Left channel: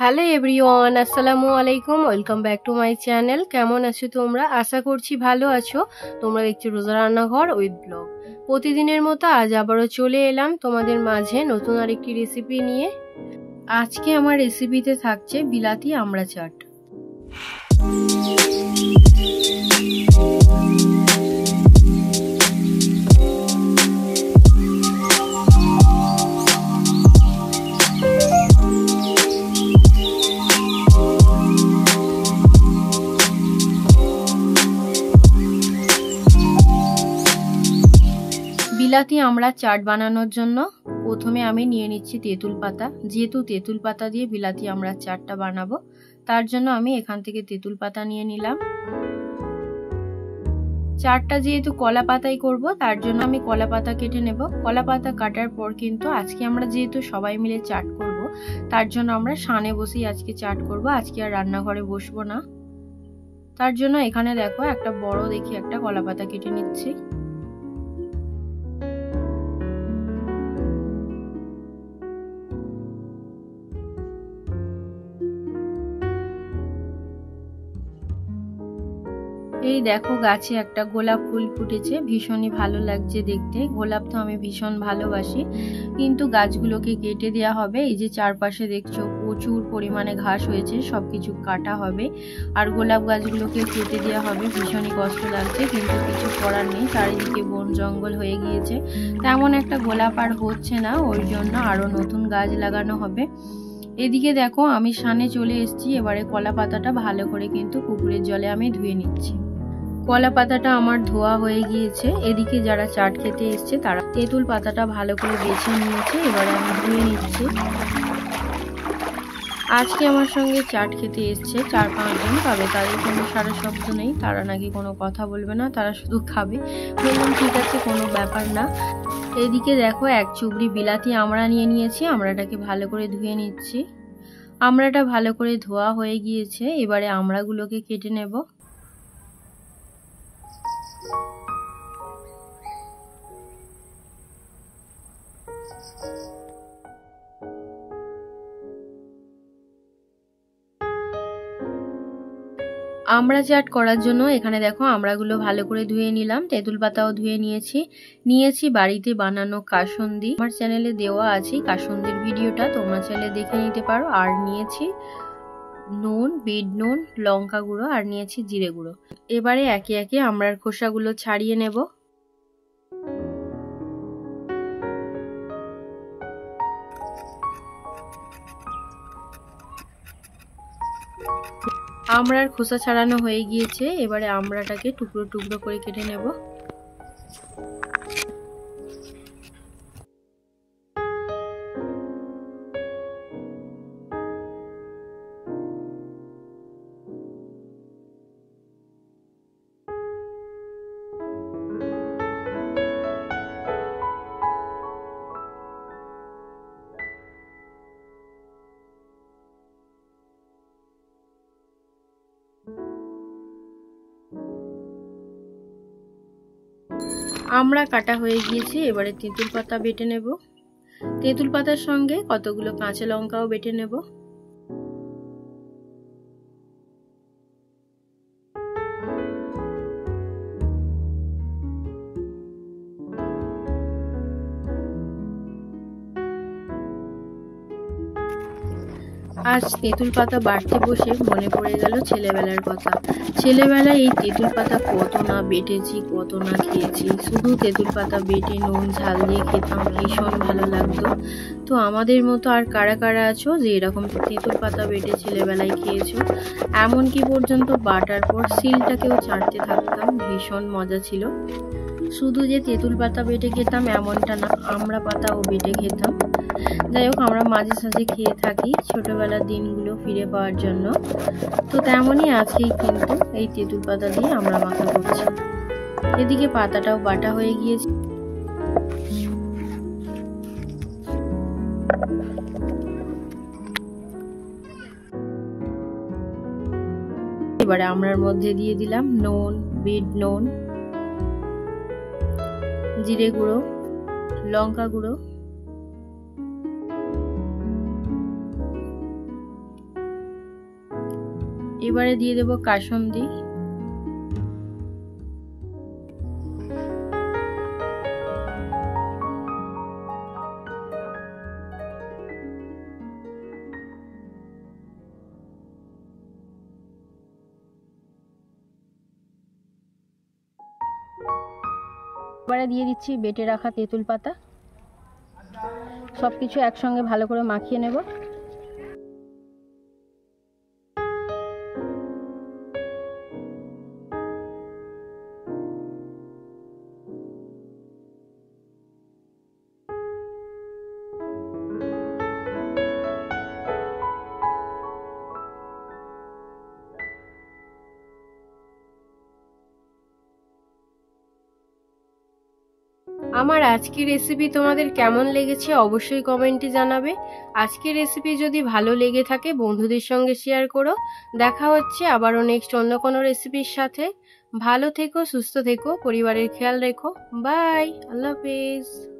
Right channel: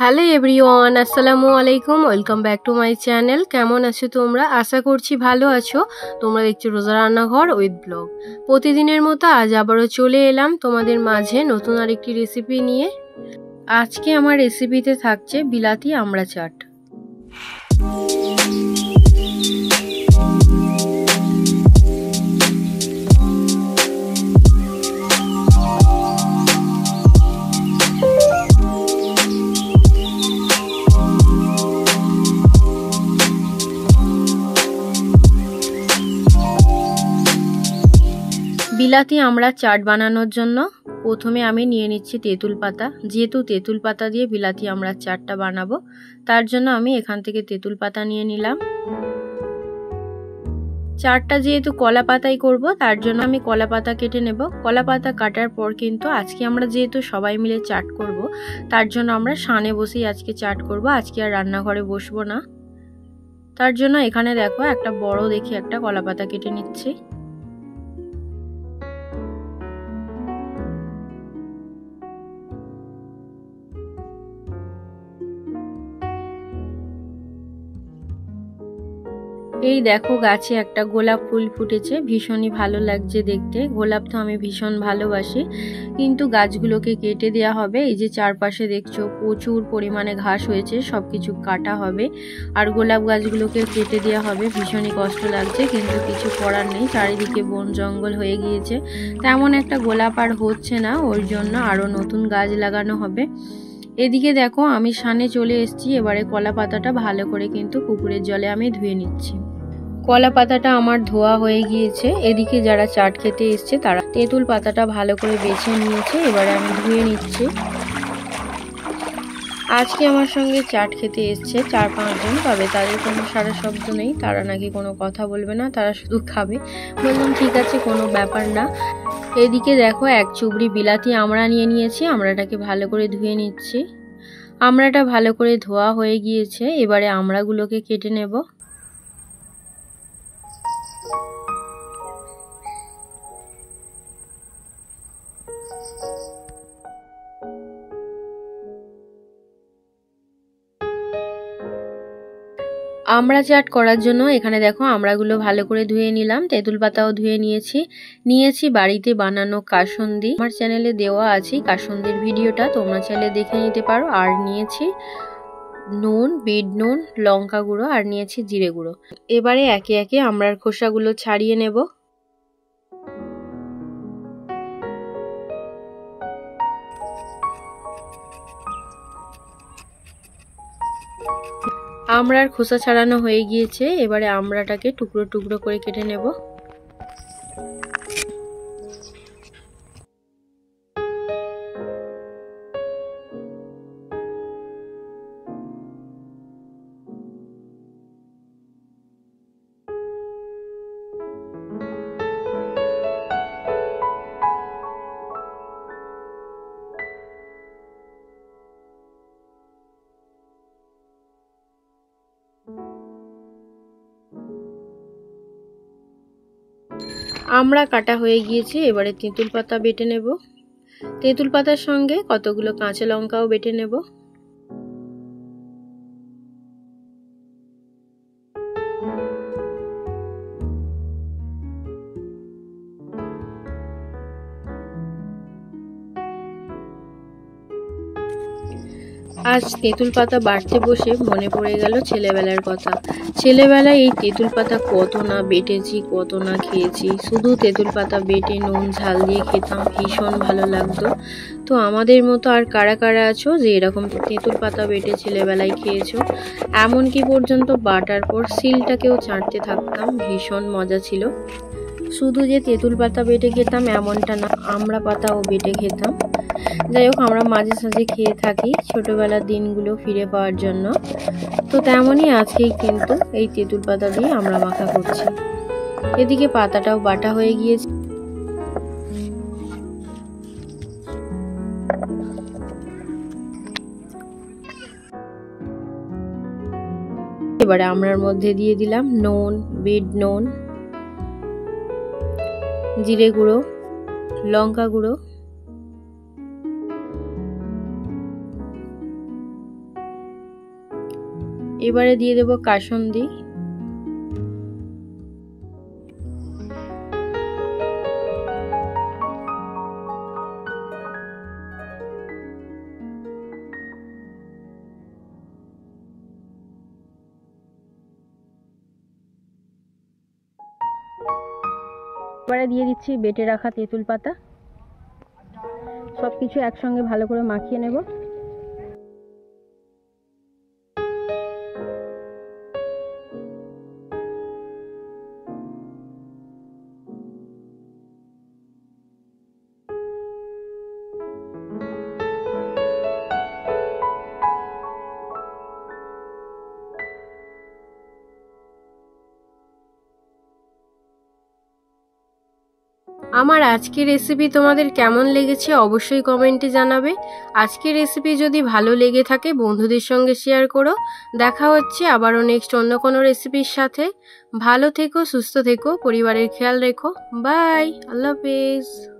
Hello everyone, আসসালামু আলাইকুম। Welcome back to my channel. কেমন আছো তোমরা? আশা করছি ভালো আছো। তোমরা দেখছো রোজা রান্নাঘর উইথ ব্লগ। প্রতিদিনের মতো আজ আবারও চলে এলাম তোমাদের মাঝে নতুন আরেকটি রেসিপি নিয়ে। আজকে আমার রেসিপিতে থাকছে বিলাতি আমড়া চাট। বিলাতি আমড়া চাট বানানোর জন্য প্রথমে আমি নিয়ে নিচ্ছি তেঁতুল পাতা। যেহেতু তেঁতুল পাতা দিয়ে বিলাতি আমড়া চাটটা বানাবো, তার জন্য আমি এখান থেকে তেঁতুল পাতা নিয়ে নিলাম। চাটটা যেহেতু কলা পাতাই করব, তার জন্য আমি কলা পাতা কেটে নেব। কলা পাতা কাটার পর কিন্তু আজকে আমরা যেহেতু সবাই মিলে চাট করব, তার জন্য আমরা সানে বসেই আজকে চাট করব। আজকে আর রান্নাঘরে বসবো না। তার জন্য এখানে দেখো একটা বড় দেখে একটা কলা পাতা কেটে নিচ্ছি। এই দেখো গাছে একটা গোলাপ ফুল ফুটেছে, ভীষণই ভালো লাগছে দেখতে। গোলাপ তো আমি ভীষণ ভালোবাসি, কিন্তু গাছগুলোকে কেটে দেওয়া হবে। এই যে চারপাশে দেখছো প্রচুর পরিমাণে ঘাস হয়েছে, সবকিছু কাটা হবে আর গোলাপ গাছগুলোকে কেটে দেওয়া হবে। ভীষণই কষ্ট লাগছে, কিন্তু কিছু করার নেই। চারিদিকে বন জঙ্গল হয়ে গিয়েছে, তেমন একটা গোলাপ আর হচ্ছে না, ওর জন্য আরো নতুন গাছ লাগানো হবে। এদিকে দেখো আমি সানে চলে এসেছি। এবারে কলা পাতাটা ভালো করে কিন্তু পুকুরের জলে আমি ধুয়ে নিচ্ছি। কলা পাতাটা আমার ধোয়া হয়ে গিয়েছে। এদিকে যারা চাট খেতে এসছে তারা তেঁতুল পাতাটা ভালো করে বেছে নিয়েছে। এবারে আমি ধুয়ে নিচ্ছি। আজকে আমার সঙ্গে চাট খেতে এসছে 4-5 জন, তবে তাদের কোনো সারা শব্দ নেই। তারা নাকি কোনো কথা বলবে না, তারা শুধু খাবে। বললাম ঠিক আছে, কোনো ব্যাপার না। এদিকে দেখো এক চুবড়ি বিলাতি আমড়া নিয়ে নিয়েছি। আমড়াটাকে ভালো করে ধুয়ে নিচ্ছি। আমড়াটা ভালো করে ধোয়া হয়ে গিয়েছে। এবারে আমড়াগুলোকে কেটে নেব। আমড়া চাট করার জন্য এখানে দেখো আমড়াগুলো ভালো করে ধুয়ে নিলাম। তেঁতুল পাতাও ধুয়ে নিয়েছি বাড়িতে বানানো কাসুন্দি। আমার চ্যানেলে দেওয়া আছে কাসুন্দির ভিডিওটা, তোমরা চাইলে দেখে নিতে পারো। আর নিয়েছি নুন, বিট নুন, লঙ্কা গুঁড়ো আর নিয়েছি জিরে গুঁড়ো। এবারে একে একে আমড়ার খোসাগুলো ছাড়িয়ে নেব। আমড়ার খোসা ছাড়ানো হয়ে গিয়েছে। এবারে আমড়াটাকে টুকরো টুকরো করে কেটে নেব। আমড়া কাটা হয়ে গিয়েছে। এবারে তেঁতুল পাতা বেটে নেব। তেঁতুল পাতার সঙ্গে কতগুলো কাঁচা লঙ্কাও বেটে নেব। আজ তেঁতুল পাতা বাটতে বসে মনে পড়ে গেল ছেলেবেলার কথা। ছেলেবেলায় এই তেঁতুল পাতা কত না বেটেছি, কত না খেয়েছি। শুধু তেঁতুল পাতা বেটে নুন ঝাল দিয়ে খেতাম, ভীষণ ভালো লাগতো। তো আমাদের মতো আর কারা কারা আছো যে এরকম তেঁতুল পাতা বেটে ছেলেবেলায় খেয়েছো? এমনকি পর্যন্ত বাটার পর সিলটাকেও চাটতে থাকতাম, ভীষণ মজা ছিল। শুধু যে তেঁতুল পাতা বেটে খেতাম এমনটা না, আমড়া পাতাও বেটে খেতাম। যাই হোক, আমরা মাঝে সাঝে খেয়ে থাকি ছোটবেলার দিনগুলো ফিরে পাওয়ার জন্য। তো তেমনই আজকেই কিন্তু এই তেঁতুল পাতা দিয়ে আমরা মাখা করছি। এদিকে পাতাটাও বাটা হয়ে গিয়েছে। এবারে আমড়ার মধ্যে দিয়ে দিলাম নুন, বিট নুন, জিরে গুঁড়ো, লঙ্কা গুঁড়ো, এবারে দিয়ে দেব কাসুন্দি। এবারে দিয়ে দিচ্ছি বেটে রাখা তেঁতুল পাতা। সবকিছু একসঙ্গে ভালো করে মাখিয়ে নেব। আমার আজকের রেসিপি তোমাদের কেমন লেগেছে অবশ্যই কমেন্টে জানাবে। আজকের রেসিপি যদি ভালো লেগে থাকে বন্ধুদের সঙ্গে শেয়ার করো। দেখা হচ্ছে আবারও নেক্সট অন্য কোনো রেসিপির সাথে। ভালো থেকো, সুস্থ থেকো, পরিবারের খেয়াল রেখো। বাই, আল্লাহ হাফেজ।